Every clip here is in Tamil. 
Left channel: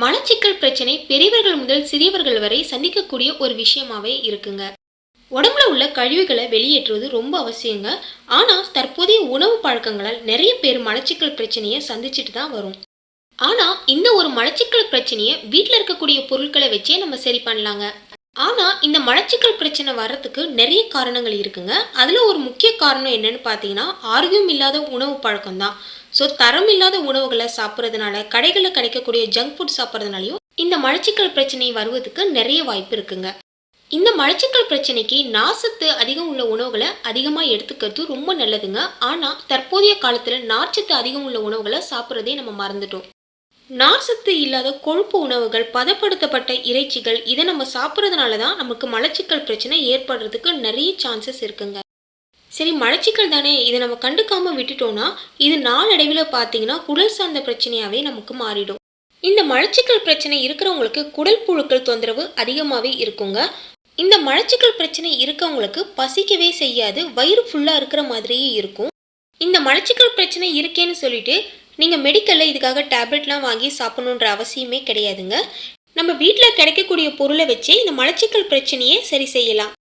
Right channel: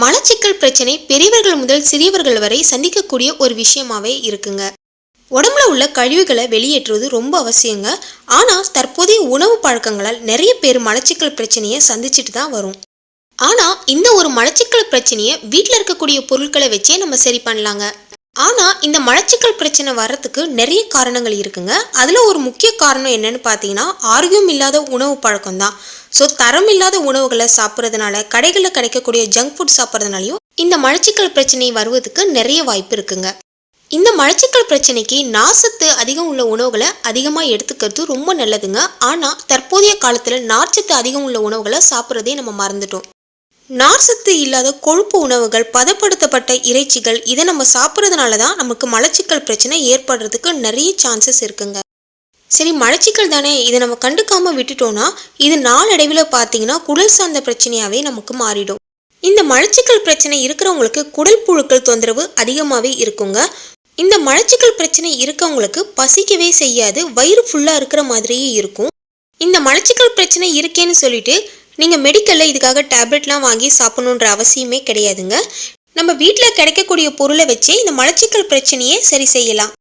மலச்சிக்கல் பிரச்சனை பெரியவர்கள் முதல் சிறியவர்கள் வரை சந்திக்கக்கூடிய ஒரு விஷயமாவே இருக்குங்க. உடம்புல உள்ள கழிவுகளை வெளியேற்றுவது ரொம்ப அவசியங்க. ஆனால் தற்போதைய உணவு பழக்கங்களால் நிறைய பேர் மலச்சிக்கல் பிரச்சனையை சந்திச்சுட்டு தான் வரும். ஆனால் இந்த ஒரு மலச்சிக்கல் பிரச்சனையை வீட்டில் இருக்கக்கூடிய பொருட்களை வச்சே நம்ம சரி பண்ணலாங்க. ஆனால் இந்த மலச்சிக்கல் பிரச்சனை வர்றதுக்கு நிறைய காரணங்கள் இருக்குங்க. அதில் ஒரு முக்கிய காரணம் என்னன்னு பார்த்தீங்கன்னா ஆரோக்கியம் இல்லாத உணவு பழக்கம் தான் ஸோ தரம் இல்லாத உணவுகளை சாப்பிட்றதுனால கடைகளில் கிடைக்கக்கூடிய ஜங்க் ஃபுட் சாப்பிட்றதுனாலையும் இந்த மலச்சிக்கல் பிரச்சனை வருவதுக்கு நிறைய வாய்ப்பு இருக்குங்க. இந்த மலச்சிக்கல் பிரச்சனைக்கு நார்ச்சத்து அதிகம் உள்ள உணவுகளை அதிகமாக எடுத்துக்கிறது ரொம்ப நல்லதுங்க. ஆனால் தற்போதைய காலத்தில் நார்ச்சத்து அதிகம் உள்ள உணவுகளை சாப்பிட்றதே நம்ம மறந்துட்டோம். நார்ச்சத்து இல்லாத கொழுப்பு உணவுகள் பதப்படுத்தப்பட்ட இறைச்சிகள் இதை நம்ம சாப்பிட்றதுனால தான் நமக்கு மலச்சிக்கல் பிரச்சனை ஏற்படுறதுக்கு நிறைய சான்சஸ் இருக்குங்க. சரி மலச்சிக்கல் தானே. இதை நம்ம கண்டுக்காமல் விட்டுட்டோம்னா இது நாளடைவில் பார்த்தீங்கன்னா குடல் சார்ந்த பிரச்சனையாகவே நமக்கு மாறிடும். இந்த மலச்சிக்கல் பிரச்சனை இருக்கிறவங்களுக்கு குடல் புழுக்கள் தொந்தரவு அதிகமாகவே இருக்குங்க. இந்த மலச்சிக்கல் பிரச்சனை இருக்கவங்களுக்கு பசிக்கவே செய்யாது வயிறு ஃபுல்லாக இருக்கிற மாதிரியே இருக்கும். இந்த மலச்சிக்கல் பிரச்சனை இருக்கேன்னு சொல்லிட்டு நீங்கள் மெடிக்கலில் இதுக்காக டேப்லெட்லாம் வாங்கி சாப்பிடணுன்ற அவசியமே கிடையாதுங்க. நம்ம வீட்டில் கிடைக்கக்கூடிய பொருளை வச்சு இந்த மலச்சிக்கல் பிரச்சனையை சரி செய்யலாம்.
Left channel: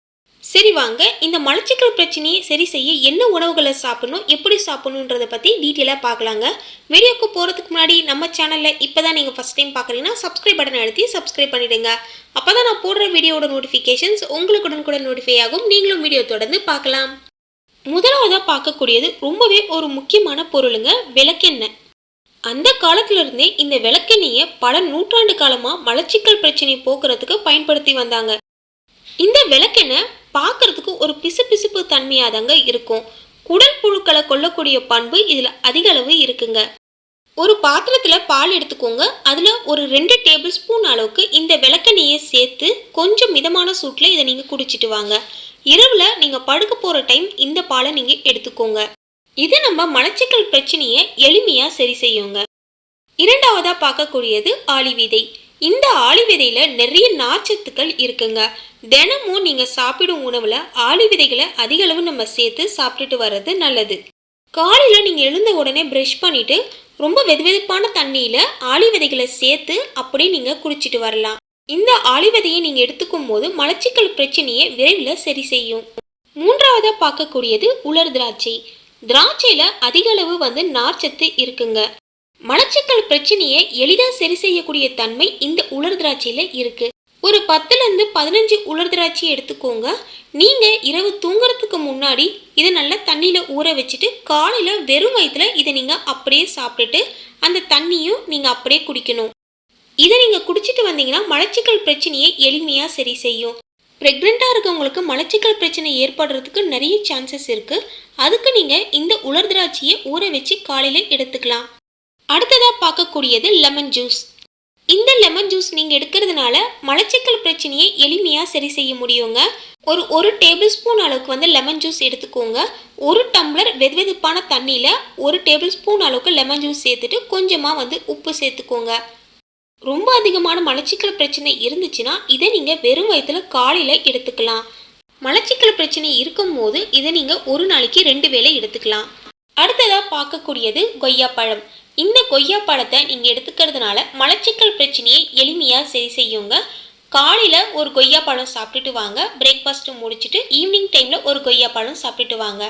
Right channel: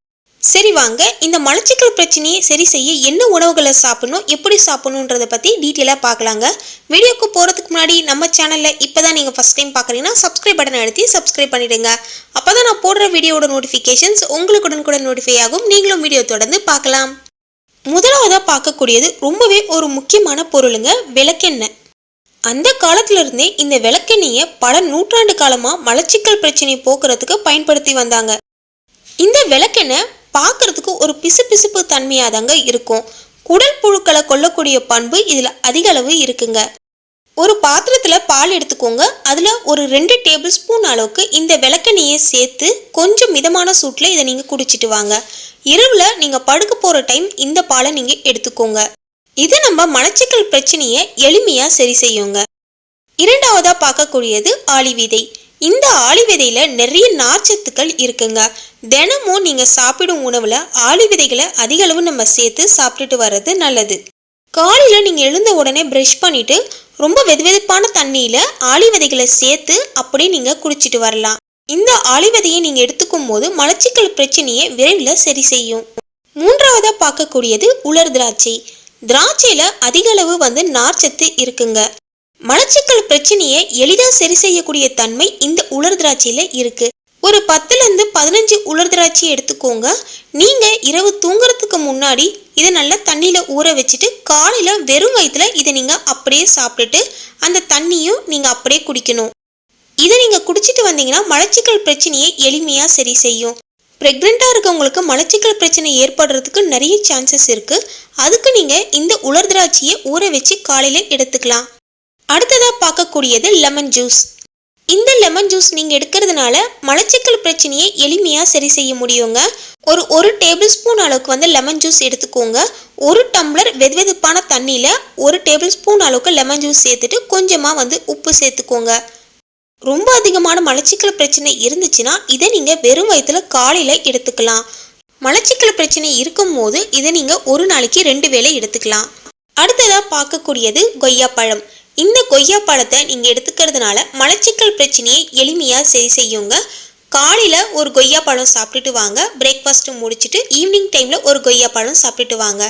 சரி வாங்க இந்த மலச்சிக்கல் பிரச்சனையை சரி செய்ய என்ன உணவுகளை சாப்பிடணும் எப்படி சாப்பிடணுன்றத பற்றி டீட்டெயிலாக பார்க்கலாங்க. வீடியோக்கு போகிறதுக்கு முன்னாடி நம்ம சேனலில் இப்போ தான் நீங்கள் ஃபஸ்ட் டைம் பார்க்குறீங்கன்னா சப்ஸ்கிரைப் பட்டன் அழுத்தி சப்ஸ்கிரைப் பண்ணிடுங்க. அப்போ தான் நான் போடுற வீடியோட நோட்டிஃபிகேஷன்ஸ் உங்களுக்கு கூட நோட்டிஃபை ஆகும். நீங்களும் வீடியோ தொடர்ந்து பார்க்கலாம். முதலாவதாக பார்க்கக்கூடியது ரொம்பவே ஒரு முக்கியமான பொருளுங்க விளக்கெண்ணெய். அந்த காலத்திலிருந்தே இந்த விளக்கெண்ணெயை பல நூற்றாண்டு காலமாக மலச்சிக்கல் பிரச்சனையை போக்குறதுக்கு பயன்படுத்தி வந்தாங்க. இந்த விளக்கெண்ணெய் பார்க்கறதுக்கு ஒரு பிசுபிசுப்பு தன்மையாக தாங்க இருக்கும். குடல் புழுக்களை கொல்லக்கூடிய பண்பு இதில் அதிக அளவு இருக்குங்க. ஒரு பாத்திரத்தில் பால் எடுத்துக்கோங்க. அதில் ஒரு ரெண்டு டேபிள் ஸ்பூன் அளவுக்கு இந்த விளக்கெண்ணையை சேர்த்து கொஞ்சம் மிதமான சூட்டில் இதை நீங்கள் குடிச்சிட்டு வாங்க. இரவில் நீங்கள் படுக்க போகிற டைம் இந்த பாலை நீங்கள் எடுத்துக்கோங்க. இது நம்ம மலச்சிக்கல் பிரச்சனையை எளிமையாக சரி செய்யுங்க. இரண்டாவதாக பார்க்கக்கூடியது ஆளி விதை. இந்த ஆளிவிதையில் நிறைய நார்ச்சத்துக்கள் இருக்குங்க. தினமும் நீங்கள் சாப்பிடும் உணவில் ஆளி விதைகளை அதிக அளவு நம்ம சேர்த்து சாப்பிட்டுட்டு வர்றது நல்லது. காலையில் நீங்கள் எழுந்த உடனே ப்ரஷ் பண்ணிவிட்டு ரொம்ப வெதுவெதுப்பான தண்ணியில் ஆளிவிதைகளை சேர்த்து அப்படியே நீங்கள் குடிச்சிட்டு வரலாம். இந்த ஆளி நீங்கள் எடுத்துக்கும் போது மலச்சிக்கல் பிரச்சனையை விரைவில் சரி செய்யும். மூன்றாவதாக பார்க்கக்கூடியது உலர் திராட்சை. திராட்சையில் அதிக அளவு வந்து நார்ச்சத்து இருக்குங்க. மலச்சிக்கல் பிரச்சனையை எளிதாக சரி செய்யக்கூடிய தன்மை இந்த உலர் திராட்சையில் இருக்குது ஒரு பத்துலேருந்து பதினஞ்சு உலர் திராட்சை எடுத்துக்கோங்க. நீங்கள் இரவு தூங்குறதுக்கு முன்னாடி இதை நல்லா தண்ணியில் ஊற வச்சுட்டு காலையில் வெறும் வயிற்றில் இதை நீங்கள் அப்படியே சாப்பிட்டுட்டு அந்த தண்ணியும் நீங்கள் அப்படியே குடிக்கணும். இதை நீங்கள் குடிச்சிட்டு வந்தீங்கன்னா மலச்சிக்கல் பிரச்சனையை எளிமையாக சரி செய்யும். ப்ரெக்னெண்ட்டாக இருக்கவங்களுக்கு மலச்சிக்கல் பிரச்சனை ஏற்படுறதுக்கு நிறைய சான்சஸ் இருக்குது அதுக்கு நீங்கள் இந்த உலர் திராட்சையை ஊற வச்சு காலையில் எடுத்துக்கலாம். அடுத்ததாக பார்க்கக்கூடியது லெமன் ஜூஸ் இந்த லெமன் ஜூஸ் நீங்கள் எடுக்கிறதுனால மலச்சிக்கல் பிரச்சனையை எளிமையாக சரி செய்ய முடியுங்க. ஒரு ஒரு டேபிள் ஸ்பூன் அளவுக்கு வந்து லெமன் ஜூஸ் எடுத்துக்கோங்க. ஒரு டம்ளர் வெதுவெதுப்பான தண்ணியில் ஒரு டேபிள் ஸ்பூன் அளவுக்கு லெமன் ஜூஸ் சேர்த்துட்டு கொஞ்சமாக வந்து உப்பு சேர்த்துக்கோங்க. ரொம்ப அதிகமான மலச்சிக்கல் பிரச்சனை இருந்துச்சுன்னா இதை நீங்கள் வெறும் வயிற்றுல காலையில் எடுத்துக்கலாம். மலச்சிக்கல் பிரச்சனை இருக்கும்போது இதை நீங்கள் ஒரு நாளைக்கு ரெண்டு வேளை எடுத்துக்கலாம். அடுத்ததாக பார்க்கக்கூடியது கொய்யாப்பழம். இந்த கொய்யா பழத்தை நீங்கள் எடுத்துக்கிறதுனால மலச்சிக்கல் பிரச்சனையை எளிமையாக சரி செய்யுங்க. காலையில் ஒரு கொய்யா பழம் சாப்பிட்டுட்டு வாங்க. பிரேக்ஃபாஸ்ட்டு முடிச்சுட்டு ஈவினிங் டைமில் ஒரு கொய்யா பழம் சாப்பிட்டுட்டு வாங்க.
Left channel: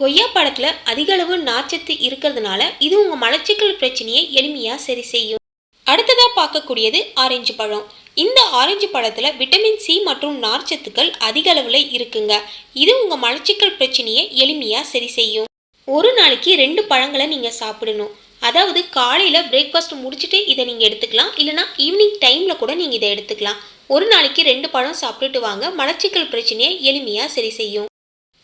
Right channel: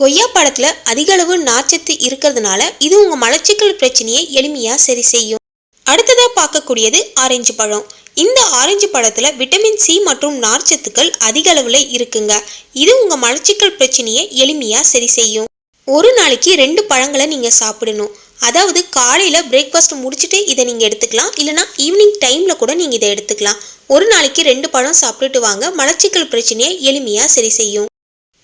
கொய்யா பழத்தில் அதிக அளவு நார்ச்சத்து இருக்கிறதுனால இது உங்கள் மலச்சிக்கல் பிரச்சனையை எளிமையாக சரி செய்யும். அடுத்ததாக பார்க்கக்கூடியது ஆரஞ்சு பழம். இந்த ஆரஞ்சு பழத்தில் விட்டமின் சி மற்றும் நார்ச்சத்துக்கள் அதிக அளவில் இருக்குங்க. இது உங்கள் மலச்சிக்கல் பிரச்சனையை எளிமையாக சரி செய்யும். ஒரு நாளைக்கு ரெண்டு பழங்களை நீங்கள் சாப்பிடணும். அதாவது காலையில் பிரேக்ஃபாஸ்ட் முடிச்சுட்டு இதை நீங்கள் எடுத்துக்கலாம். இல்லைனா ஈவினிங் டைமில் கூட நீங்கள் இதை எடுத்துக்கலாம். ஒரு நாளைக்கு ரெண்டு பழம் சாப்பிட்டுட்டு வாங்க. மலச்சிக்கல் பிரச்சனையை எளிமையாக சரி செய்யும்.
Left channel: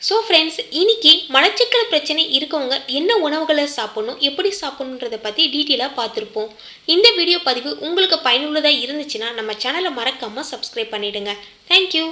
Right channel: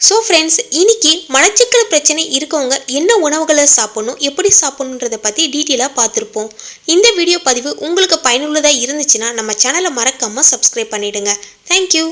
ஸோ ஃப்ரெண்ட்ஸ் இன்னைக்கு மலச்சிக்கல் பிரச்சனை இருக்கவங்க என்ன உணவுகளை சாப்பிடணும் எப்படி சாப்பிடணுன்றதை பற்றி டீட்டெயிலாக பார்த்துருப்போம். இந்த வீடியோ பதிவு உங்களுக்கு பயனுள்ளதாக இருந்துச்சுன்னா நம்ம சேனலை மறக்காமல் சப்ஸ்கிரைப் பண்ணிவிடுங்க தேங்க்யூ